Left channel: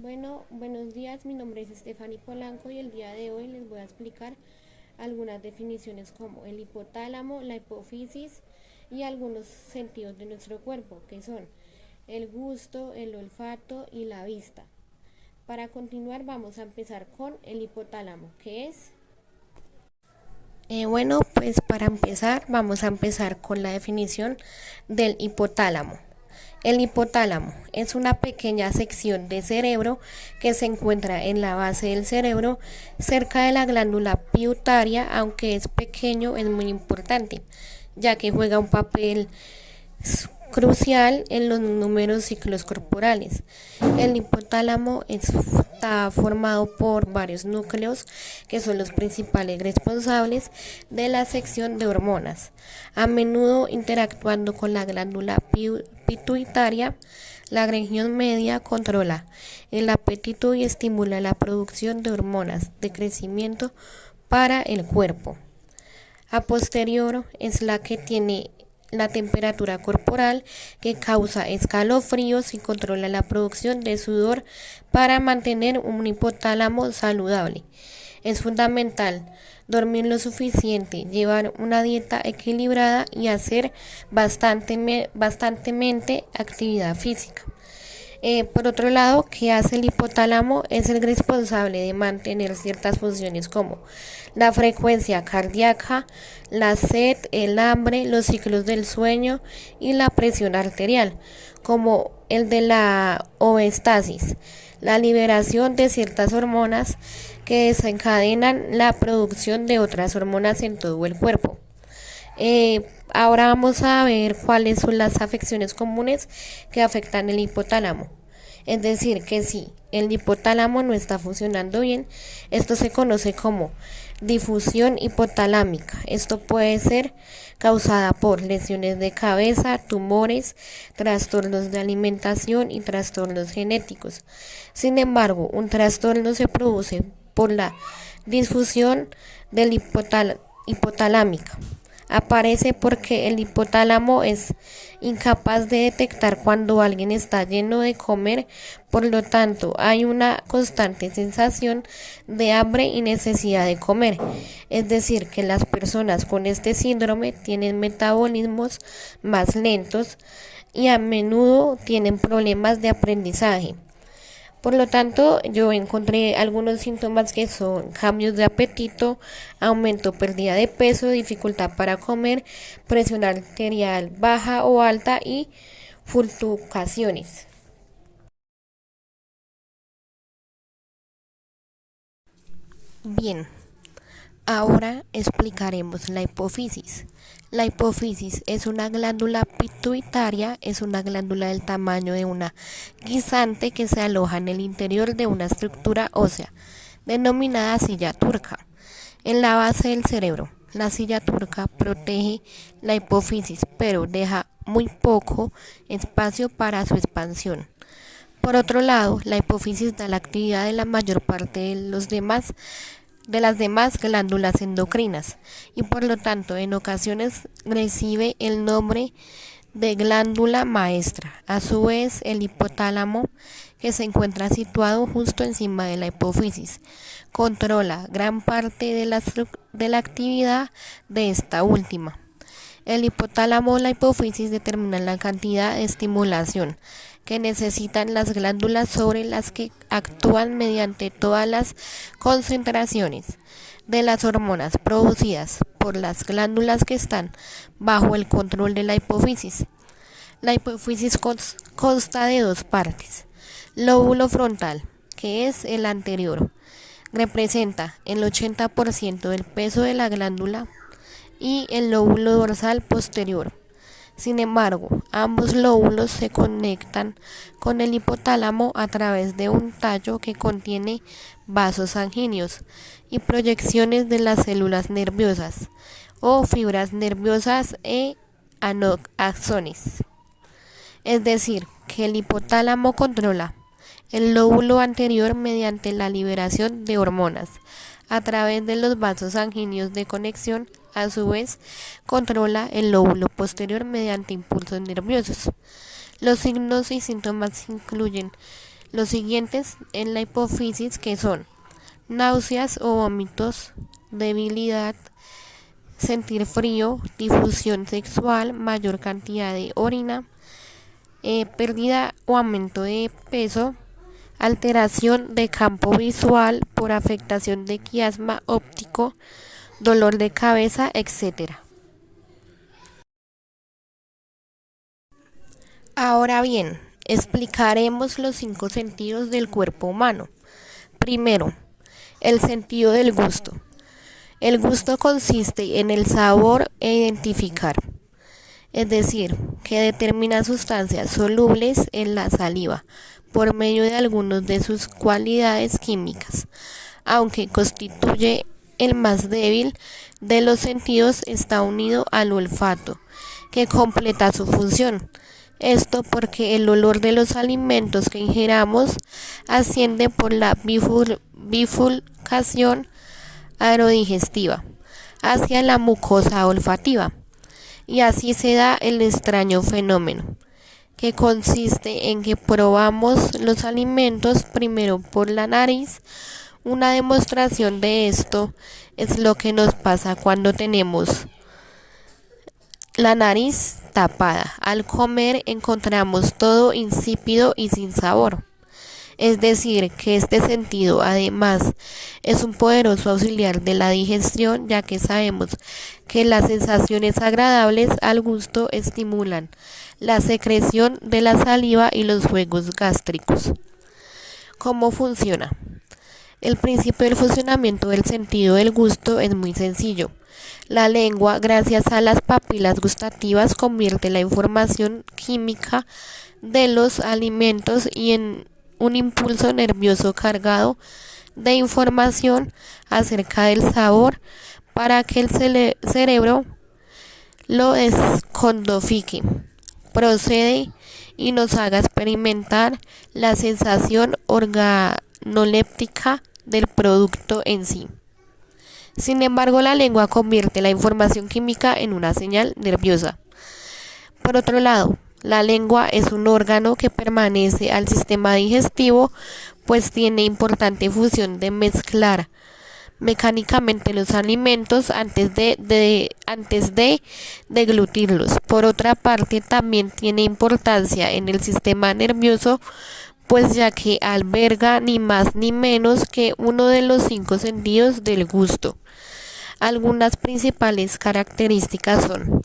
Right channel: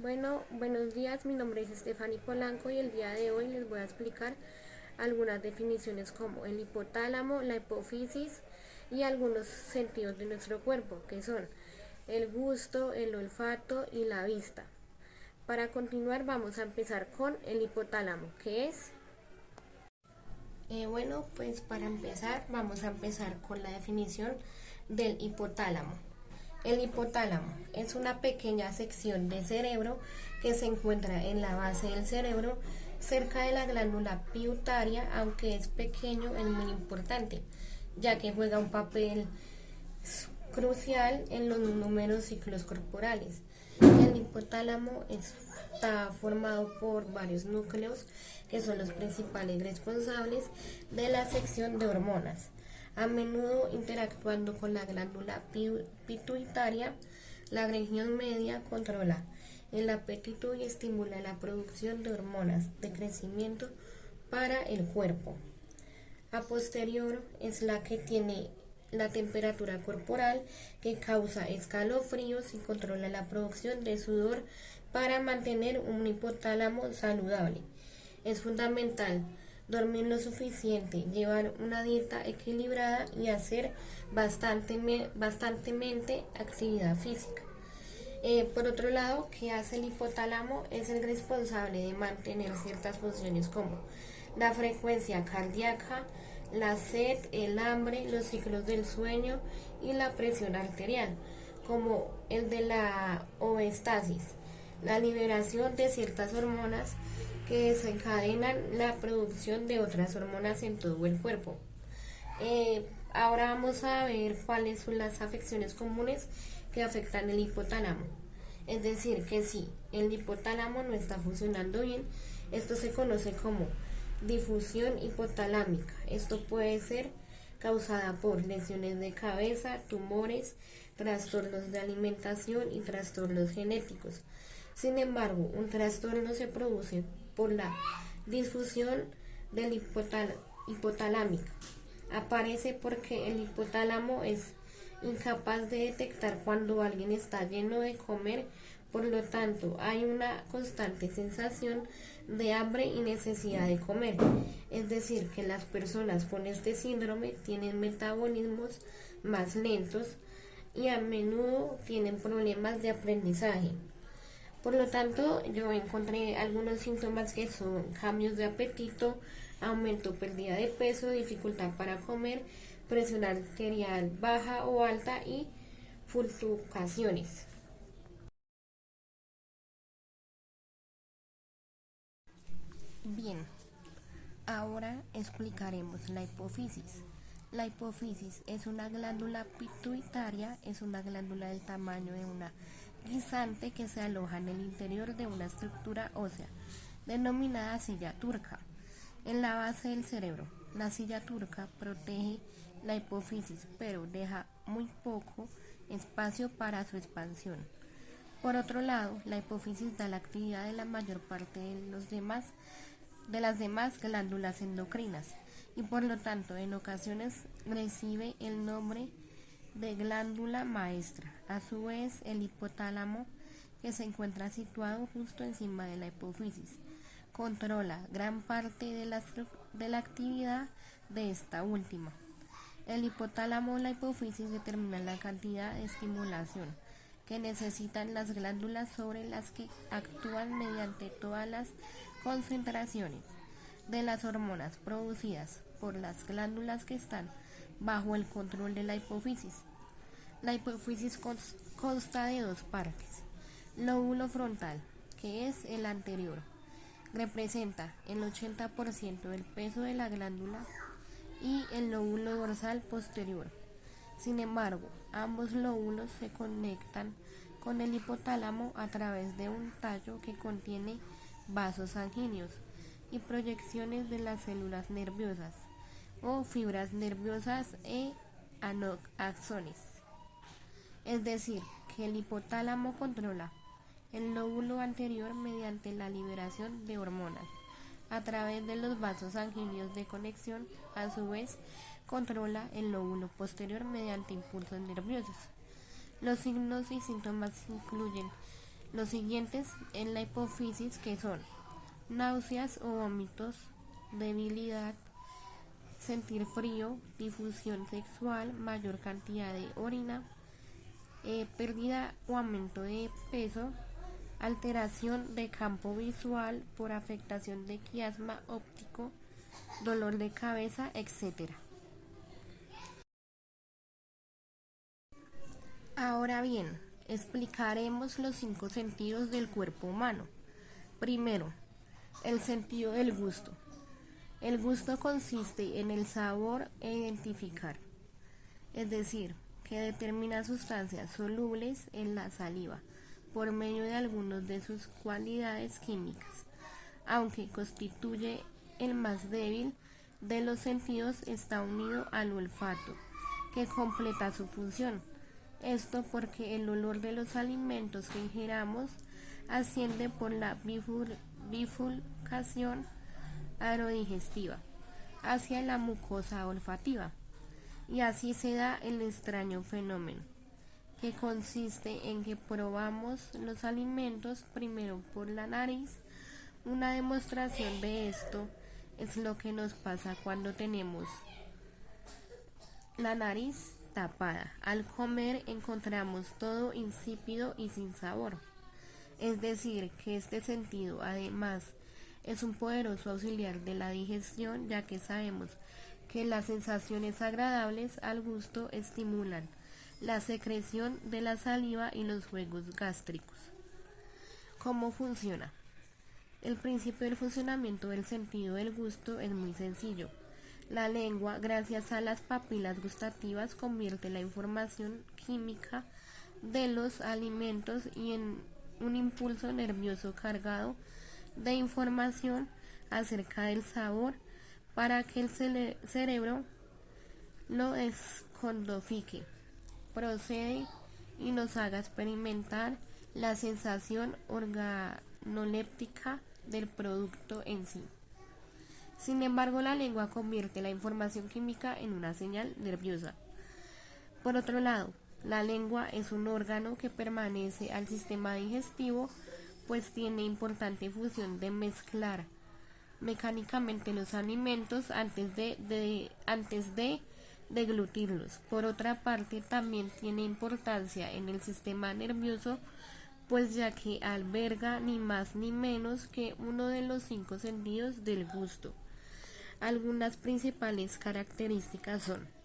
Bueno, buenos días, mi nombre es Stephanie Polanco y el día de hoy les voy a explicar algunas definiciones como el hipotálamo, la hipófisis y algunos sentidos de nuestro cuerpo, que son el gusto, el olfato y la vista. Para continuar vamos a empezar con el hipotálamo, que es... Bueno, pues para empezar vamos a empezar con la definición del hipotálamo. El hipotálamo es una pequeña sección de cerebro que se encuentra en la base del cerebro, cerca de la glándula pituitaria, aunque es pequeño, es muy importante, ya que juega un papel crucial en los números ciclos corporales. El hipotálamo está formado por varios núcleos que son los principales responsables de la sección de hormonas, a menudo interactuando con la glándula pituitaria. La región media controla el apetito y estimula la producción de hormonas de crecimiento para el cuerpo. A posterior es la que tiene la temperatura corporal, que causa escalofríos y controla la producción de sudor para mantener un hipotálamo saludable. Es fundamental dormir lo suficiente, llevar una dieta equilibrada y hacer bastantemente actividad física. Por otro lado, ¿qué hace el hipotálamo? Es el responsable de mantener ciertas funciones como la frecuencia cardíaca, la sed, el hambre, los ciclos del sueño y la presión arterial, como el de la homeostasis, la liberación de ciertas hormonas que desencadenan la producción de otras hormonas en todo el cuerpo. Ahora vamos a ver cuáles son las afecciones comunes que afectan el hipotálamo. Es decir, que si el hipotálamo no está funcionando bien, esto se conoce como difusión hipotalámica. Esto puede ser causada por lesiones de cabeza, tumores, trastornos de alimentación y trastornos genéticos. Sin embargo, un trastorno se produce por la disfunción del hipotalámica. Aparece porque el hipotálamo es incapaz de detectar cuando alguien está lleno de comer, por lo tanto hay una constante sensación de hambre y necesidad de comer. Es decir, que las personas con este síndrome tienen metabolismos más lentos y a menudo tienen problemas de aprendizaje. Por lo tanto, yo encontré algunos síntomas que son cambios de apetito, aumento, pérdida de peso, dificultad para comer, presión arterial baja o alta y fluctuaciones. Bien, ahora explicaremos la hipófisis. La hipófisis es una glándula pituitaria, es una glándula del tamaño de una guisante que se aloja en el interior de una estructura ósea, denominada silla turca, en la base del cerebro. La silla turca protege la hipófisis, pero deja muy poco espacio para su expansión. Por otro lado, la hipófisis da la actividad de la mayor parte de las demás glándulas endocrinas y por lo tanto en ocasiones recibe el nombre de glándula maestra. A su vez, el hipotálamo, que se encuentra situado justo encima de la hipófisis, controla gran parte de la actividad de esta última. El hipotálamo o la hipófisis determinan la cantidad de estimulación que necesitan las glándulas sobre las que actúan mediante todas las concentraciones de las hormonas producidas por las glándulas que están bajo el control de la hipófisis. La hipófisis consta de dos partes. Lóbulo frontal, que es el anterior, representa el 80% del peso de la glándula, y el lóbulo dorsal posterior. Sin embargo, ambos lóbulos se conectan con el hipotálamo a través de un tallo que contiene vasos sanguíneos y proyecciones de las células nerviosas o fibras nerviosas e axones. Es decir, que el hipotálamo controla el lóbulo anterior mediante la liberación de hormonas a través de los vasos sanguíneos de conexión. A su vez, controla el lóbulo posterior mediante impulsos nerviosos. Los signos y síntomas incluyen los siguientes en la hipófisis, que son náuseas o vómitos, debilidad, sentir frío, difusión sexual, mayor cantidad de orina, pérdida o aumento de peso, alteración de campo visual por afectación de quiasma óptico, dolor de cabeza, etc. Ahora bien, explicaremos los 5 sentidos del cuerpo humano. Primero, el sentido del gusto. El gusto consiste en el sabor e identificar, es decir, que determina sustancias solubles en la saliva por medio de algunas de sus cualidades químicas. Aunque constituye el más débil de los sentidos, está unido al olfato, que completa su función. Esto porque el olor de los alimentos que ingeramos asciende por la bifurcación aerodigestiva hacia la mucosa olfativa, y así se da el extraño fenómeno, que consiste en que probamos los alimentos primero por la nariz. Una demostración de esto es lo que nos pasa cuando tenemos la nariz tapada. Al comer encontramos todo insípido y sin sabor. Es decir, que este sentido además es un poderoso auxiliar de la digestión, ya que sabemos que las sensaciones agradables al gusto estimulan la secreción de la saliva y los jugos gástricos. ¿Cómo funciona? El principio del funcionamiento del sentido del gusto es muy sencillo. La lengua, gracias a las papilas gustativas, convierte la información química de los alimentos y en un impulso nervioso cargado de información acerca del sabor para que el cerebro lo descodifique, procede y nos haga experimentar la sensación organoléptica del producto en sí. Sin embargo, la lengua convierte la información química en una señal nerviosa. Por otro lado, la lengua es un órgano que pertenece al sistema digestivo, pues tiene importante función de mezclar mecánicamente los alimentos antes de deglutirlos. Por otra parte, también tiene importancia en el sistema nervioso, pues ya que alberga ni más ni menos que uno de los 5 sentidos del gusto. Algunas principales características son:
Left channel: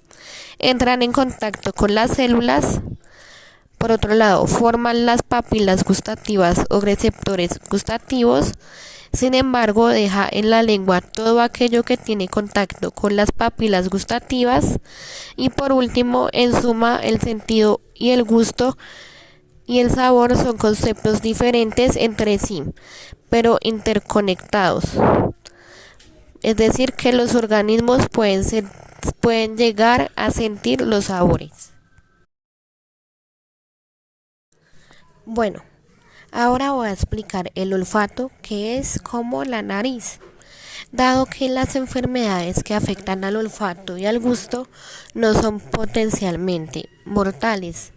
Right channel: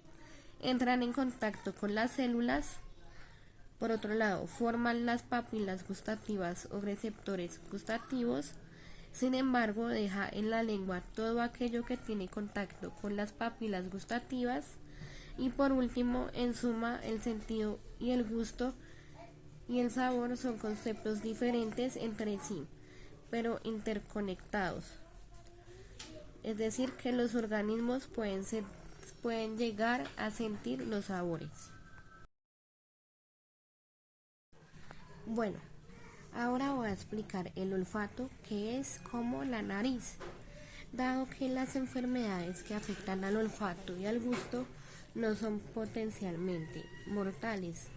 entran en contacto con las células. Por otro lado, forman las papilas gustativas o receptores gustativos. Sin embargo, deja en la lengua todo aquello que tiene contacto con las papilas gustativas. Y por último, en suma, el sentido y el gusto y el sabor son conceptos diferentes entre sí, pero interconectados. Es decir, que los organismos pueden llegar a sentir los sabores. Bueno, ahora voy a explicar el olfato, que es como la nariz. Dado que las enfermedades que afectan al olfato y al gusto no son potencialmente mortales,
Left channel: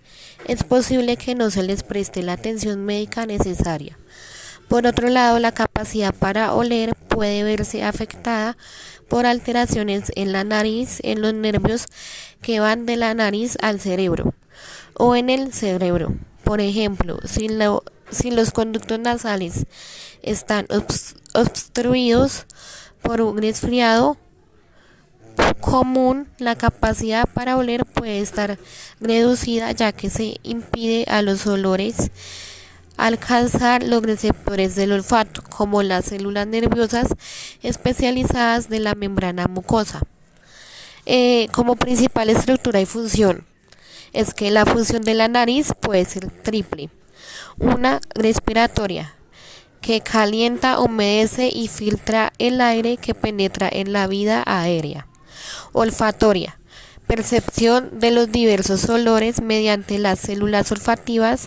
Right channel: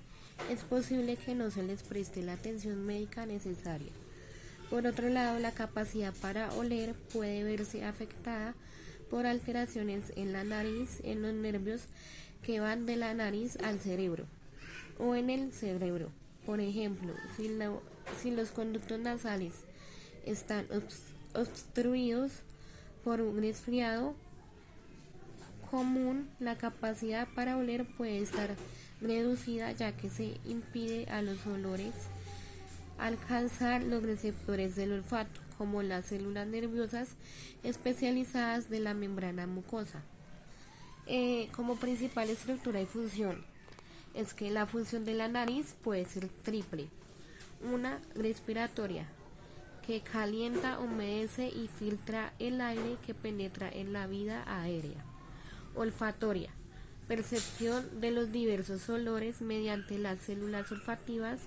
es posible que no se les preste la atención médica necesaria. Por otro lado, la capacidad para oler puede verse afectada por alteraciones en la nariz, en los nervios que van de la nariz al cerebro o en el cerebro. Por ejemplo, si los conductos nasales están obstruidos por un resfriado común, la capacidad para oler puede estar reducida, ya que se impide a los olores alcanzar los receptores del olfato, como las células nerviosas especializadas de la membrana mucosa. Como principal estructura y función, es que la función de la nariz puede ser triple: una respiratoria, que calienta, humedece y filtra el aire que penetra en la vía aérea; olfatoria, percepción de los diversos olores mediante las células olfativas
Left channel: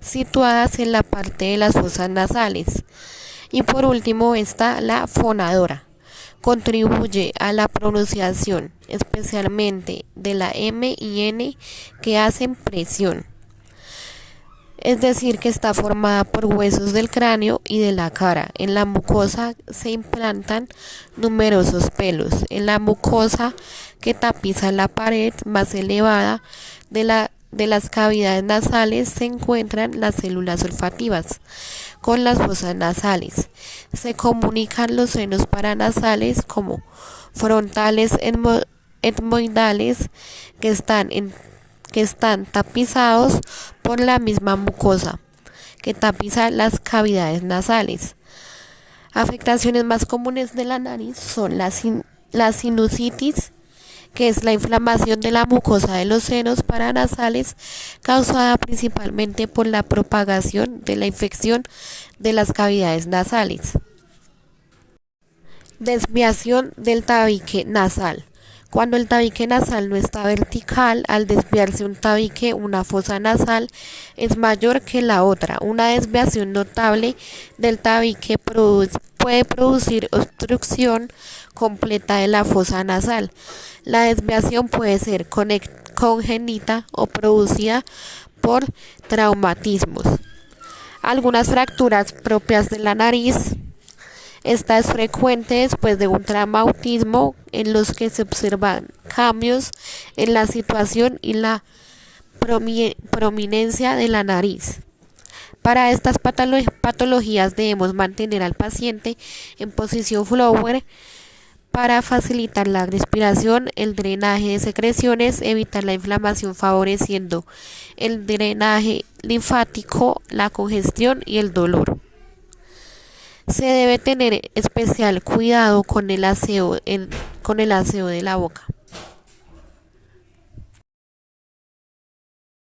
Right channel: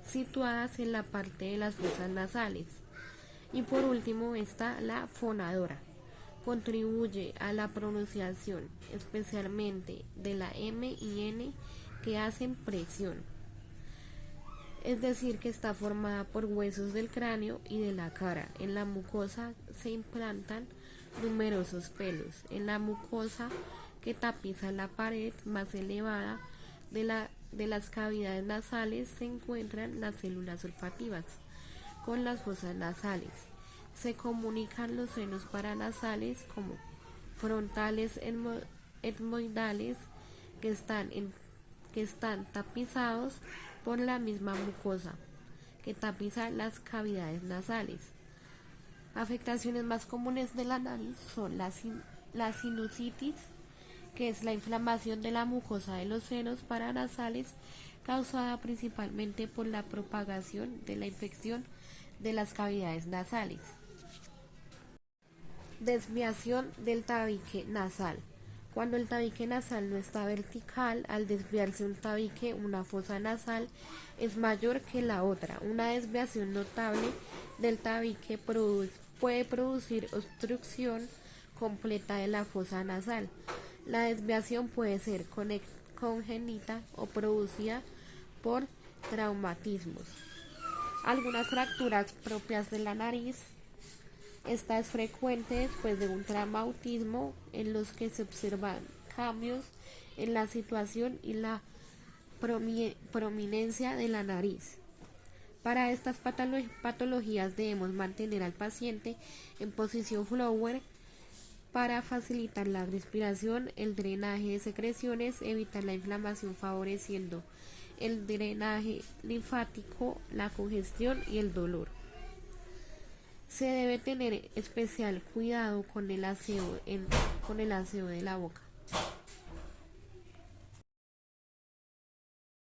situadas en la parte de las fosas nasales; y por último está la fonadora, contribuye a la pronunciación, especialmente de la M y N, que hacen presión. es decir, que está formada por huesos del cráneo y de la cara. En la mucosa se implantan numerosos pelos. En la mucosa que tapiza la pared más elevada de las cavidades nasales se encuentran las células olfativas con las fosas nasales. Se comunican los senos paranasales como frontales etmoidales que están tapizados por la misma mucosa que tapiza las cavidades nasales. Afectaciones más comunes de la nariz son la sinusitis, que es la inflamación de la mucosa de los senos paranasales causada principalmente por la propagación de la infección de las cavidades nasales. Desviación del tabique nasal. Cuando el tabique nasal no está vertical, al desviarse un tabique, una fosa nasal es mayor que la otra. Una desviación notable del tabique puede producir obstrucción completa de la fosa nasal. La desviación puede ser congénita o producida por traumatismos. Algunas fracturas propias de la nariz. Esta es frecuente después de un traumatismo en los que se observan cambios en la situación y la prominencia de la nariz. Para estas patologías debemos mantener al paciente en posición flower para facilitar la respiración, el drenaje de secreciones, evitar la inflamación favoreciendo el drenaje linfático, la congestión y el dolor. Se debe tener especial cuidado con el aseo de la boca.